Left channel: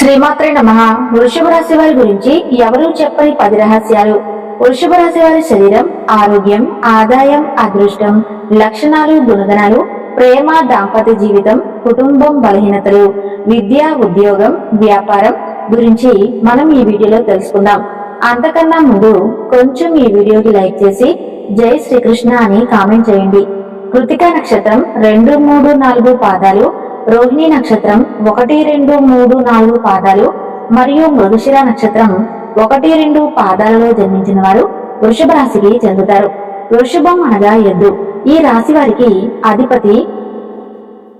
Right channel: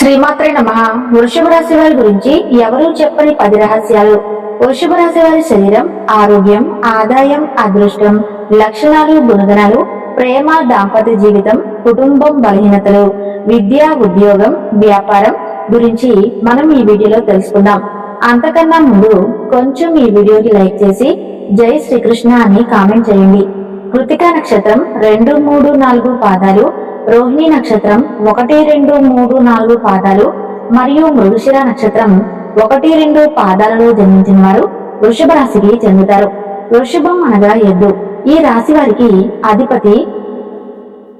శ్రీమాత్రే నమః. వృషభ రాశి వారి గురించి ఎవరూ చెప్పని 10 రహస్యాలు. వృషభ రాశి వారి శరీరం, ఆరోగ్యం, ఆదాయం, అదృష్టం, లక్షణాలు, గుణగణాలు, ప్రేమ, దాంపత్య జీవితం, కుటుంబం, బలహీనతలు, విద్య, ఉద్యోగం, వ్యాపారం గురించి మనం ఈ వీడియోలో తెలుసుకుందాం. అంతకన్నా ముందు కొంచెం ఈ వీడియోకి లైక్ చేసి జై శ్రీకృష్ణ అని కామెంట్ చేయండి. కృతికా నక్షత్రం 2, 3, 4 పాదాలు, రోహిణి నక్షత్రం 1, 2, 3, 4 పాదాలు మరియు మృగశిర నక్షత్రం 1, 2 పాదాలలో జన్మించిన వారు వృషభ రాశికి చెందుతారు. వృషభం అనగా ఎద్దు. ఈ రాశి వారికి అధిపతి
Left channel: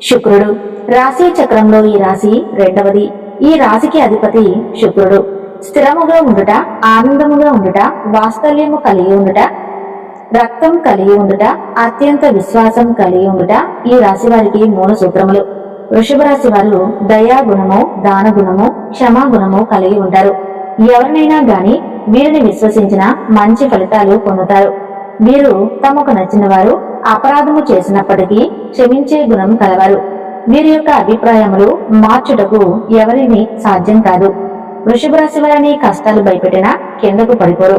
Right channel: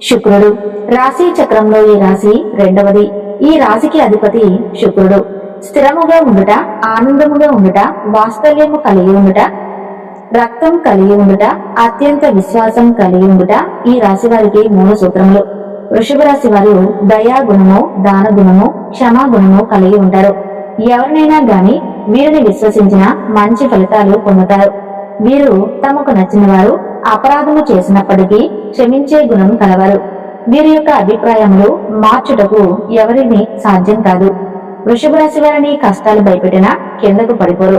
శుక్రుడు. రాశి చక్రంలో ఈ రాశి రెండవది. ఈ రాశికి అధిపతి శుక్రుడు. స్థిరముగా ఉండుట, ఆనందముగా ఉండుట, వాత్సల్యము కలిగి ఉండుట, రక్తం కలిగి ఉండుట, అత్యంత విశ్వాసం కలిగి ఉండుట ఈ రాశి వారికి మూల సూత్రములు. వృషభ రాశి వారు దయా గుణము, దాన గుణము, క్షమా గుణము కలిగి ఉంటారు. ఎవరినైనా గాని వీరిని విశ్వసించిన మంచి ఫలితాలు పొందుతారు. వీరు తమకు నచ్చిన వారు అపరాధము చేసినప్పటికీ క్షమించే గుణం కలవారు. వీరి యొక్క అభిప్రాయములు మార్చుటకు ఎవరిని సాధ్యం కాదు. వృషభ రాశి వారిని కష్టాలు భయపెట్టినా కిందకు పడిపోరు.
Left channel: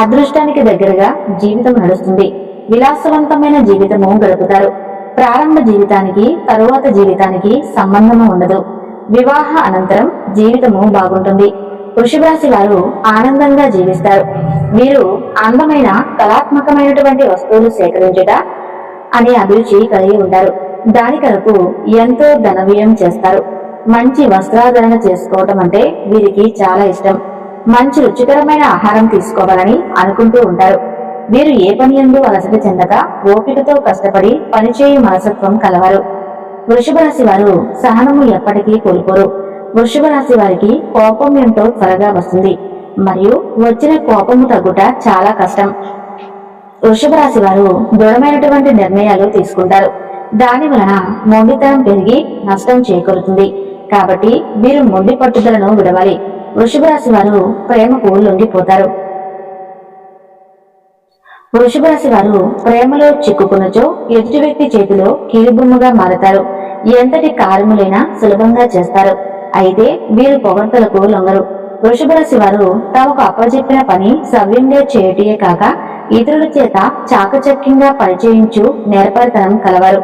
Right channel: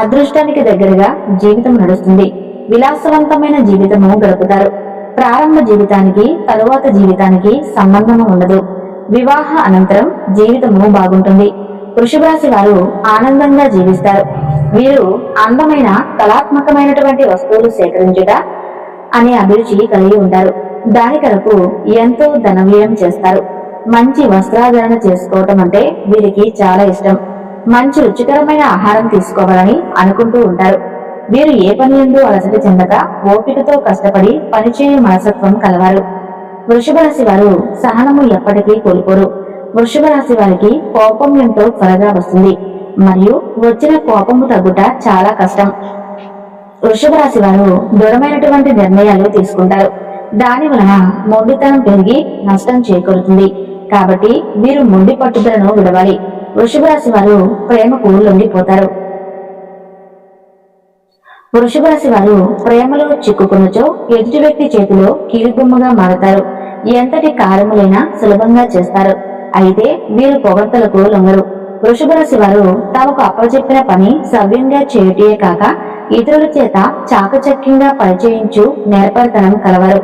అదృష్టానికి దగ్గరగా జీవితం నడుస్తుంది. విలాసవంతమైన జీవితము గడుపుతారు. ప్రారంభ జీవితానికి తరువాత జీవితానికి సంబంధము ఉండదు. వివాహ అనంతరం జీవితము బాగుంటుంది. వృషభ రాశి వారు ఆనందంగా జీవిస్తారు. వీరు అందమైన కళాత్మకమైనటువంటి వస్తువులు సేకరించుట అనే అభిరుచి కలిగి ఉంటారు. దాని కొరకు ఎంతో ధన వ్యయం చేస్తారు. మంచి వస్త్రాధరణ చేసుకోవటం అంటే వీరికి చాలా ఇష్టం. మంచి రుచికరమైన ఆహారం తీసుకోవాలని అనుకుంటూ ఉంటారు. వీరు ఏ పని యందు అలసట చెందక ఓపికతో కష్టపడి పనిచేయు మనసత్వం కలవారు. వృషభ రాశి వారు సహనము ఎప్పటికీ కోల్పోరు. వృషభ రాశి వారికి కోపం ఎంతో త్వరగా వస్తుంది మరియు వచ్చిన కోపము తగ్గుట చాలా కష్టం. వృషభ రాశి వారు దృఢమైనటువంటి నిర్ణయాలు తీసుకుంటారు. దాని వలన మొండితనం పెరిగి నష్టం చేకూరుతుంది. కాబట్టి వీరు మొండి పట్టుదలను విడవాలి. వృషభ రాశి వారు ప్రేమకు లొంగిపోతారు. వృషభ రాశి వారు ప్రేమలో చిక్కుకున్నచో ఎదుటి వ్యక్తి చేతిలో కీలుబొమ్మగా మారతారు. ఎంతటి కార్యములైనా సులభంగా చేస్తారు. అయితే వీరు పొగడ్తలకు లొంగరు. వృషభ రాశి వారు తమకు అప్పచెప్పిన పని సవ్యంగా చేయుటే కాక ఇతరుల చేత చాకచక్యంగా పనిచేయించు నేర్పరితనం కలవారు.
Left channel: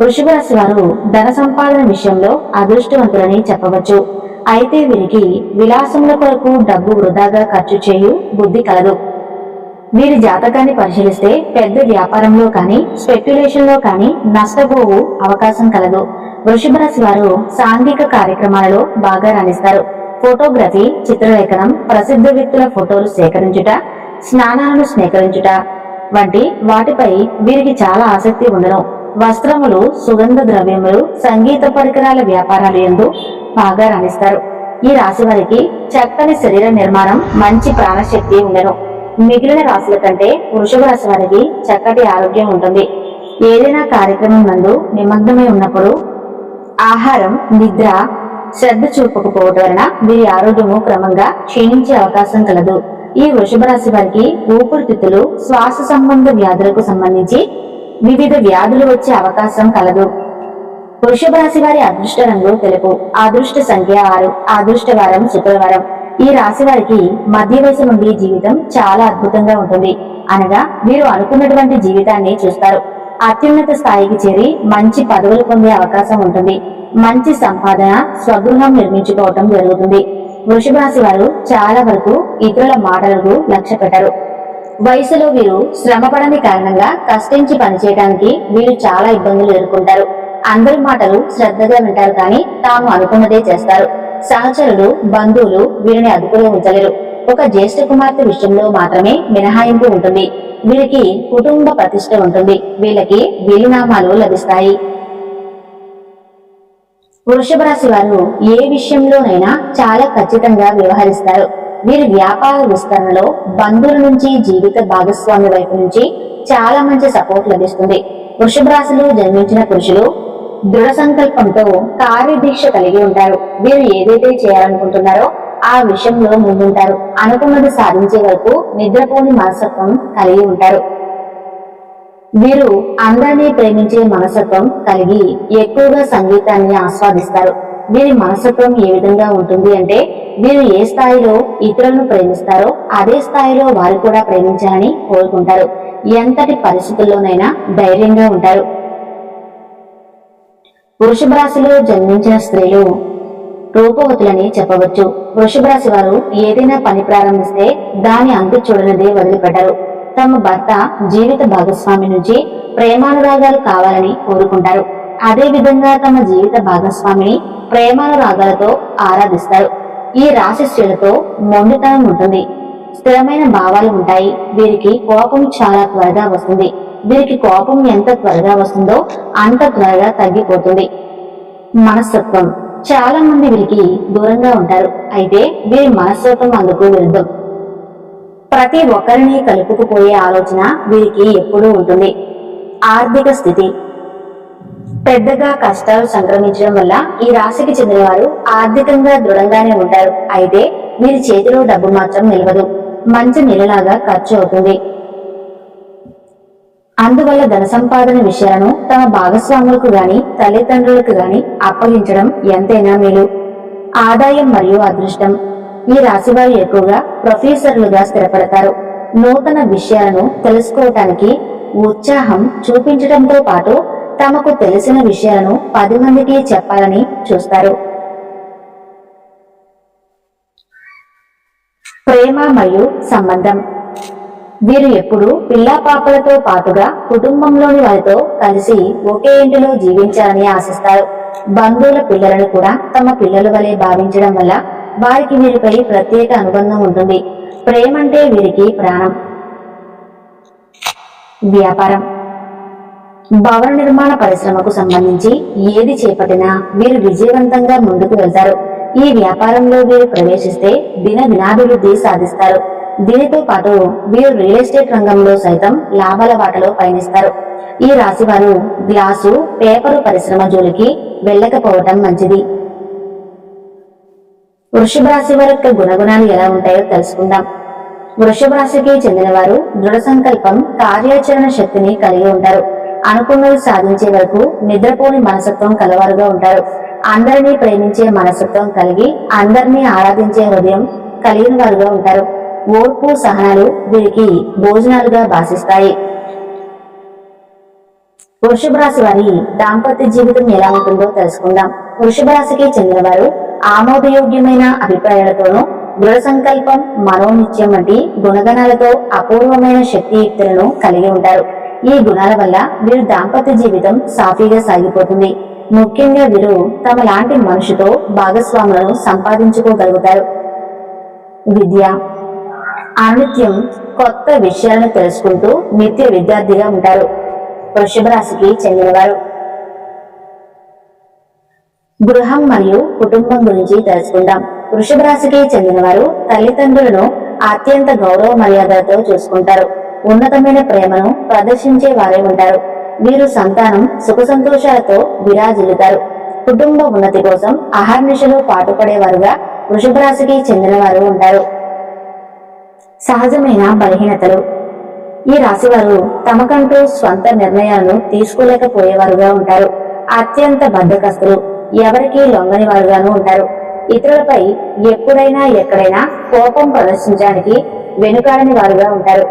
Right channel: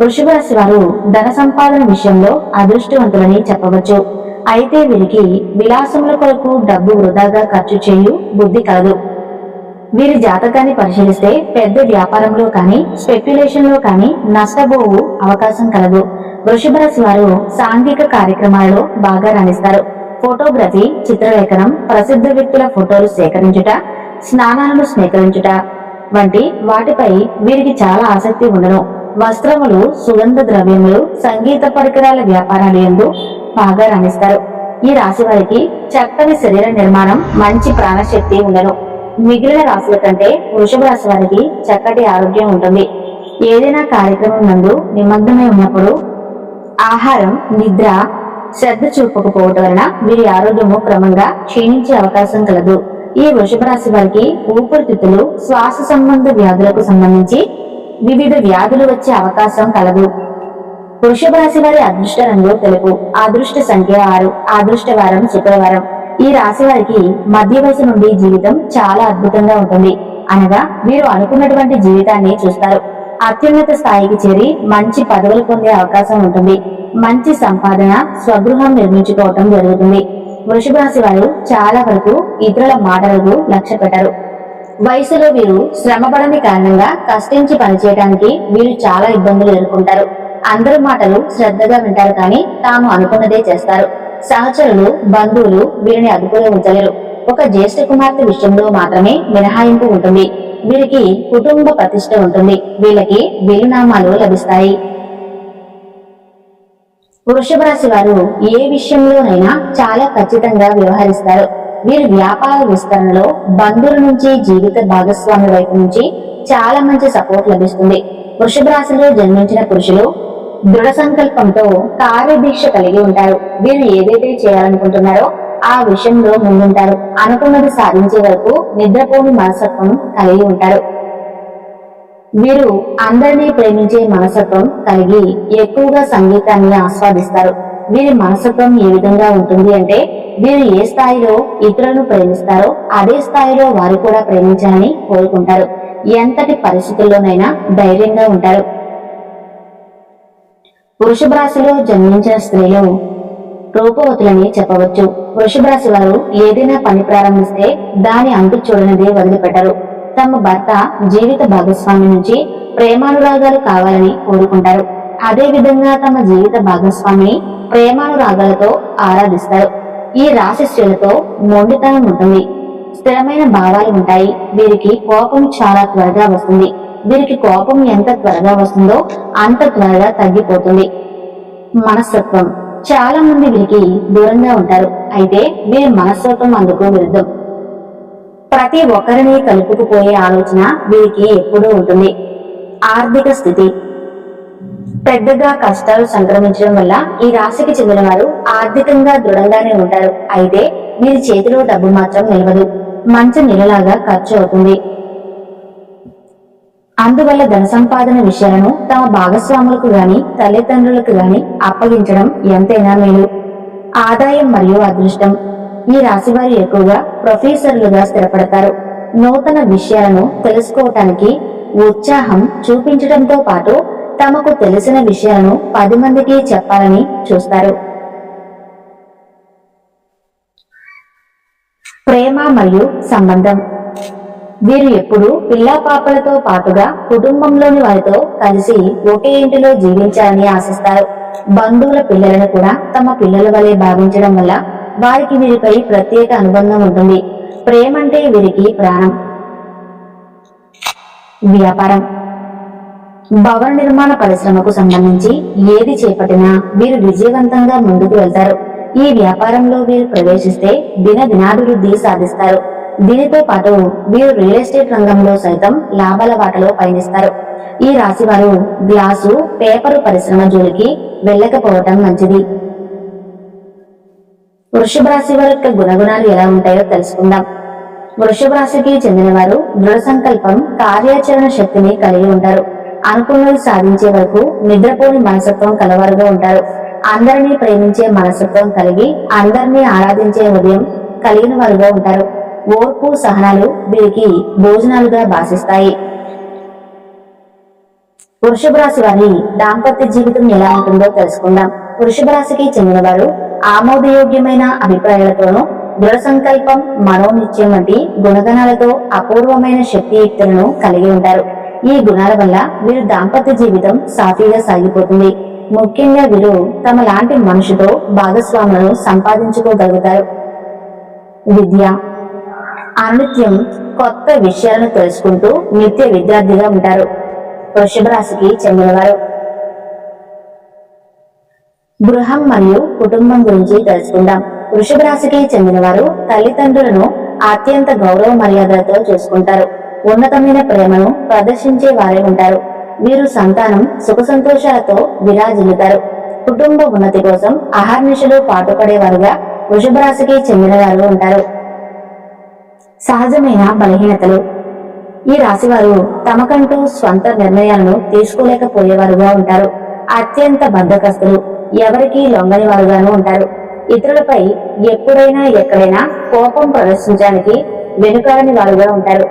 వృషభ రాశి వారు ధన సంపాదన విషయంలో అదృష్టవంతులని చెప్పవచ్చు. అయితే వీరికి విలాసముల కొరకు డబ్బు వృధాగా ఖర్చు చేయు బుద్ధి కలదు. వీరి జాతకాన్ని పరిశీలిస్తే పెద్ద వ్యాపారంలో కానీ స్పెక్యులేషన్ లో కానీ నష్టపోవు అవకాశం కలదు. వృషభ రాశి వారు సాంఘిక కార్యక్రమాలలో బాగా రాణిస్తారు. ఫోటోగ్రఫీ, చిత్రలేఖనం, ప్రసిద్ధ వ్యక్తుల ఫోటోలు సేకరించుట, స్నానాలను స్వీకరించుట వంటి వాటిపై వీరికి చాలా ఆసక్తి ఉండను. వస్త్రములు, సుగంధ ద్రవ్యములు, సంగీత పరికరాల వ్యాపారాలు యందు బాగా రాణిస్తారు. ఈ రాశి వారికి చక్కని శరీర నిర్మాణం, మంచి ప్రాణశక్తి ఉండను. మిగిలిన రాశుల కంటే వృషభ రాశి వారికి చక్కటి ఆరోగ్యం ఉంటుంది. ఏదైనా కార్యక్రమం నందు నిమగ్నమై ఉన్నప్పుడు ఆహారం, నిద్ర శ్రద్ధ చూపకపోవటం వలన వీరి ఆరోగ్యము క్రమంగా క్షీణించే అవకాశం కలదు. ఈ వృషభ రాశి వారికి ఊపిరితిత్తులు, శ్వాస సంబంధ వ్యాధులకు సంబంధించి వివిధ వ్యాధులు వచ్చే అవకాశం కలదు. వృషభ రాశి వారి అదృష్ట రంగు తెలుపు. అదృష్ట సంఖ్య 6. అదృష్ట వారం శుక్రవారం. ఈ రాశి వారికి మధ్య వయసు నుండి జీవితం చాలా అద్భుతంగా ఉంటుంది. అనగా వీరు అనుకున్నటువంటి జీవితాన్ని చూస్తారు. అత్యున్నత స్థాయికి చేరి మంచి పదవులు పొందే అవకాశం ఉంటుంది. మంచి సంపాదన, స్వగృహం నిర్మించుకోవటం జరుగుతుంది. వృషభ రాశి వారు చాలా వరకు ఇతరుల మాటలకు లక్ష్య పెట్టరు. వయసులో వీరు శ్రమపడని కారణంగా కష్టించి పనిచేయడానికి వీరు చాలా ఇబ్బందులు ఎదుర్కొంటారు. అందరి మాటలు శ్రద్ధగా వింటారు, కానీ తాము అనుకున్నదే చేస్తారు. సహచరులు, బంధువులు వీరిని అదుపులో ఉంచలేరు. ఒక జ్యేష్ఠ కుమార్తె విషయంలో మాత్రమే మినహాయింపు ఉంటుంది. వీరికి కుటుంబ ప్రతిష్ట ఉంటుంది. వీళ్ళకి వీలునామాలు లభిస్తాయి. వృషభ రాశి వారు ఏ విషయంలోనైనా చాలా ఖచ్చితంగా వ్యవహరిస్తారు. వీరి వ్యాపార విస్తరణలో బంధువుల నుంచి, జీవిత భాగస్వామి వైపు నుంచి చాలా మంచి సపోర్ట్ లభిస్తుంది. వృషభ రాశిలో జన్మించిన పురుషులు దృఢ సంకల్పంతో కార్యదీక్ష కలిగి ఉంటారు. వీరు ఏదైతే చేయాలనుకుంటున్నారో ఆ విషయంలో ముందుంటారు. అనుకున్నది సాధించే వరకు నిద్రపోని మనస్తత్వం కలిగి ఉంటారు. వీరు అందరినీ ప్రేమించే మనస్తత్వం కలిగి ఎక్కువగా సంగీతాన్ని ఆస్వాదిస్తారు. వీరి మనస్తత్వం ఏ విధంగా ఉంటుంది అంటే వీరు ఏ స్థాయిలో ఇతరులను ప్రేమిస్తారో అదే స్థాయిలో వారు కూడా ప్రేమించాలని కోరుకుంటారు. ఎంతటి పరిస్థితుల్లోనైనా ధైర్యంగా ఉంటారు. వృషభ రాశిలో జన్మించిన స్త్రీలు రూపవతులని చెప్పవచ్చు. వృషభ రాశి వారు ఏదైనా పని ప్రారంభిస్తే దాని అంతు చూడనిదే వదిలిపెట్టరు. తమ భర్త జీవిత భాగస్వామి నుంచి ప్రేమానురాగాలు కావాలని కోరుకుంటారు. అదే విధంగా తమ జీవిత భాగస్వామిని ప్రేమానురాగాలతో ఆరాధిస్తారు. ఈ రాశి స్త్రీలతో మొండితనం ఉంటుంది. స్థిరమైన భావాలు ఉంటాయి. వీరికి కోపం చాలా త్వరగా వస్తుంది. వీరికి కోపం ఎంత త్వరగా వస్తుందో అంత త్వరగా తగ్గిపోతుంది. మనస్తత్వం చాలా మంది వీరికి దూరంగా ఉంటారు. అయితే వీరి మనస్తత్వం అందుకు విరుద్ధం. ప్రతి ఒక్కరిని కలుపుకుపోయే ఆలోచన వీరికి ఎప్పుడూ ఉంటుంది. ఆర్థిక స్థితి పెద్దగా కష్టాలు సంక్రమించడం వల్ల ఈ రాశికి చెందిన వారు ఆర్థికంగా దృఢంగానే ఉంటారు. అయితే వీరి చేతిలో డబ్బు మాత్రం నిలవదు. మంచి నెలలాగా ఖర్చు అవుతుంది. అందువల్ల ధన సంపాదన విషయాలను తమ భాగస్వాములకు గాని తల్లిదండ్రులకు గాని అప్పగించడం ఎంతైనా మేలు. ఆదాయం మరియు అదృష్టం ఈ రాశివారు ఎక్కువగా ప్రొఫెసర్లుగా స్థిరపడతారు. నూతన విషయాలను తెలుసుకోవటానికి ఉత్సాహం చూపించడంతో పాటు తమకు తెలిసిన విషయాలను 10 మందికి చెప్పాలని చూస్తారు. ప్రేమ మరియు సంబంధం వీరు ఎప్పుడూ పిల్లా పాపలతో పాటుగా కుటుంబంలోని వారితో కలిసి ఒకే ఇంటిలో జీవించాలని ఆశిస్తారు. బంధువుల పిల్లలను కూడా తమ పిల్లల వలె భావించడం వల్ల వారికి వీరిపై ప్రత్యేక అనుబంధం ఉంటుంది. ప్రేమంటే వీరికి ప్రాణం. వ్యాపారం భవన నిర్మాణ పరిశ్రమకు సంబంధించి ఏది చేపట్టినా వీరు విజయవంతంగా ముందుకు వెళ్తారు. ఈ వ్యాపారంలో వీరు ప్రవేశిస్తే దినాభివృద్ధి సాధిస్తారు. దీనితో పాటు వీరు రియల్ ఎస్టేట్ రంగంలో సైతం లాభాల బాటలో పయనిస్తారు. ఈ రాశివారు గ్లాసు పేపరు పరిశ్రమ జోలికి వెళ్ళకపోవటం మంచిది. వృషభ రాశి వారి యొక్క గుణగుణాలు ఎలా ఉంటాయో తెలుసుకుందాం. వృషభ రాశికి చెందిన వారు దృఢ సంకల్పం, కార్యాచరణ శక్తిని కలిగి ఉంటారు. అనుకున్నది సాధించే వరకు నిద్రపోని మనస్తత్వం కలవారుగా ఉంటారు. అందరినీ ప్రేమించే మనస్తత్వం కలిగి అందరినీ ఆరాధించే హృదయం కలిగిన వారుగా ఉంటారు. ఓర్పు సహనాలు వీరికి భోజనాలుగా భాషిస్తాయి. వృషభ రాశి వారి దాంపత్య జీవితం ఎలా ఉంటుందో తెలుసుకుందాం. వృషభ రాశికి చెందిన వారు ఆమోదయోగ్యమైన అభిప్రాయాలతోనూ దృఢ సంకల్పం, మనోనిత్యం వంటి గుణగణాలతో అపూర్వమైన శక్తియుక్తులను కలిగి ఉంటారు. ఈ గుణాల వల్ల వీరు దాంపత్య జీవితం సాఫీగా సాగిపోతుంది. ముఖ్యంగా వీరు తమ లాంటి మనిషితో భాగస్వాములను సంపాదించుకోగలుగుతారు. విద్య అనునిత్యం కొత్త విషయాలను తెలుసుకుంటూ నిత్య విద్యార్థిగా ఉంటారు. వృషభ రాశికి చెందినవారు గృహం మరియు కుటుంబం గురించి తెలుసుకుందాం. వృషభ రాశికి చెందిన వారు తల్లిదండ్రులను అత్యంత గౌరవ మర్యాదలతో చూసుకుంటారు. ఉన్నతమైన ప్రేమను ప్రదర్శించే వారే ఉంటారు. వీరు సంతానం సుఖ సంతోషాలతో విరాజిల్లుతారు. కుటుంబ ఉన్నతి కోసం అహర్నిశలు పాటుపడేవారుగా వృషభ రాశికి చెందిన వారు ఉంటారు. సహజమైన బలహీనతలు ఈ రాశివారు తమకంటూ స్వంత నిర్ణయాలను తీసుకోలేకపోయేవారుగా ఉంటారు. అత్యంత బద్ధకస్తులు, ఎవరికీ లొంగని వారుగాను ఉంటారు. ఇతరులపై ఎప్పుడైనా ఎక్కడైనా కోపం ప్రదర్శించడానికి వెనుకాడని వారుగా ఉంటారు.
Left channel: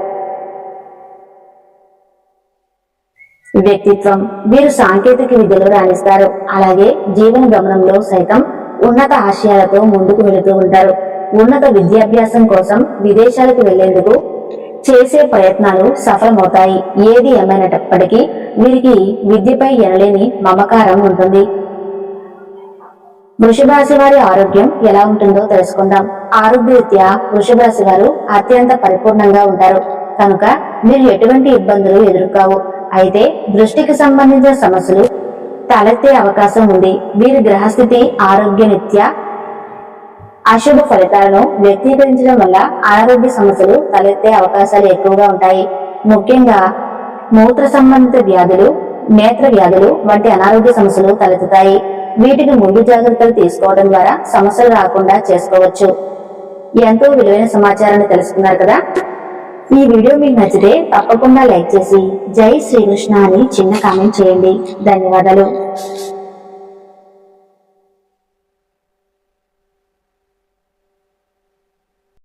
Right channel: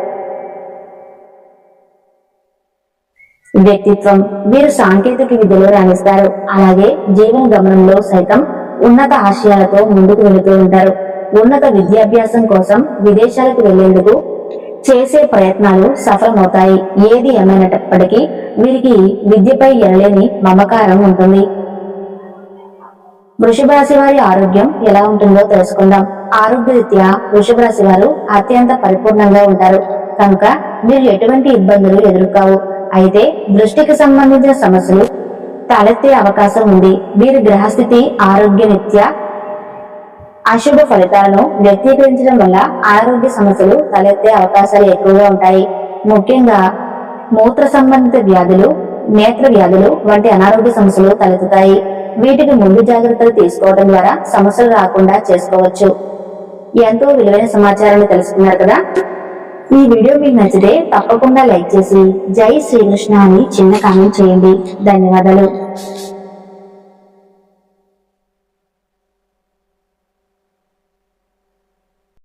వ్యక్తిత్వం వీరు సాంకేతిక విద్యలో రాణిస్తారు. అలాగే జీవన గమనంలో సైతం ఉన్నత ఆశయాలతో ముందుకు వెళుతూ ఉంటారు. ఉన్నత విద్యాభ్యాసం కోసం విదేశాలకు వెళ్లేందుకు చేసే ప్రయత్నాలు సఫలమవుతాయి. ఏది ఏమైనప్పటికీ వీరికి విద్యపై ఎనలేని మమకారం ఉంటుంది. వృషభ రాశి వారి ఆరోగ్యం ఎలా ఉంటుందో తెలుసుకుందాం. ఆరోగ్యరీత్యా వృషభ రాశి వారు అత్యంత పరిపూర్ణంగా ఉంటారు కనుక మీరు ఎటువంటి ఇబ్బందులు ఎదుర్కోవు. అయితే దృష్టికి సంబంధించిన సమస్యలు తలెత్తే అవకాశం ఉంది. వీరి గ్రహస్థితి ఆరోగ్య నిత్య అశుభ ఫలితాలను వ్యక్తీకరించడం వల్ల అనారోగ్య సమస్యలు తలెత్తే అవకాశాలు ఎక్కువగా ఉంటాయి. ముఖ్యంగా మూత్ర సంబంధిత వ్యాధులు, నేత్ర వ్యాధులు వంటి అనారోగ్య సమస్యలు తలెత్తుతాయి. వీటికి ముందు జాగ్రత్తలు తీసుకోవడం ద్వారా సమస్యలు రాకుండా చేసుకోవచ్చు. ఎంతో విలువైన సమాచారాన్ని తెలుసుకున్నారు కదా. ఈ వీడియో మీకు నచ్చితే తప్పకుండా లైక్ చేసి జై శ్రీకృష్ణ అని చిన్న కామెంట్ చేయండి. ధన్యవాదాలు.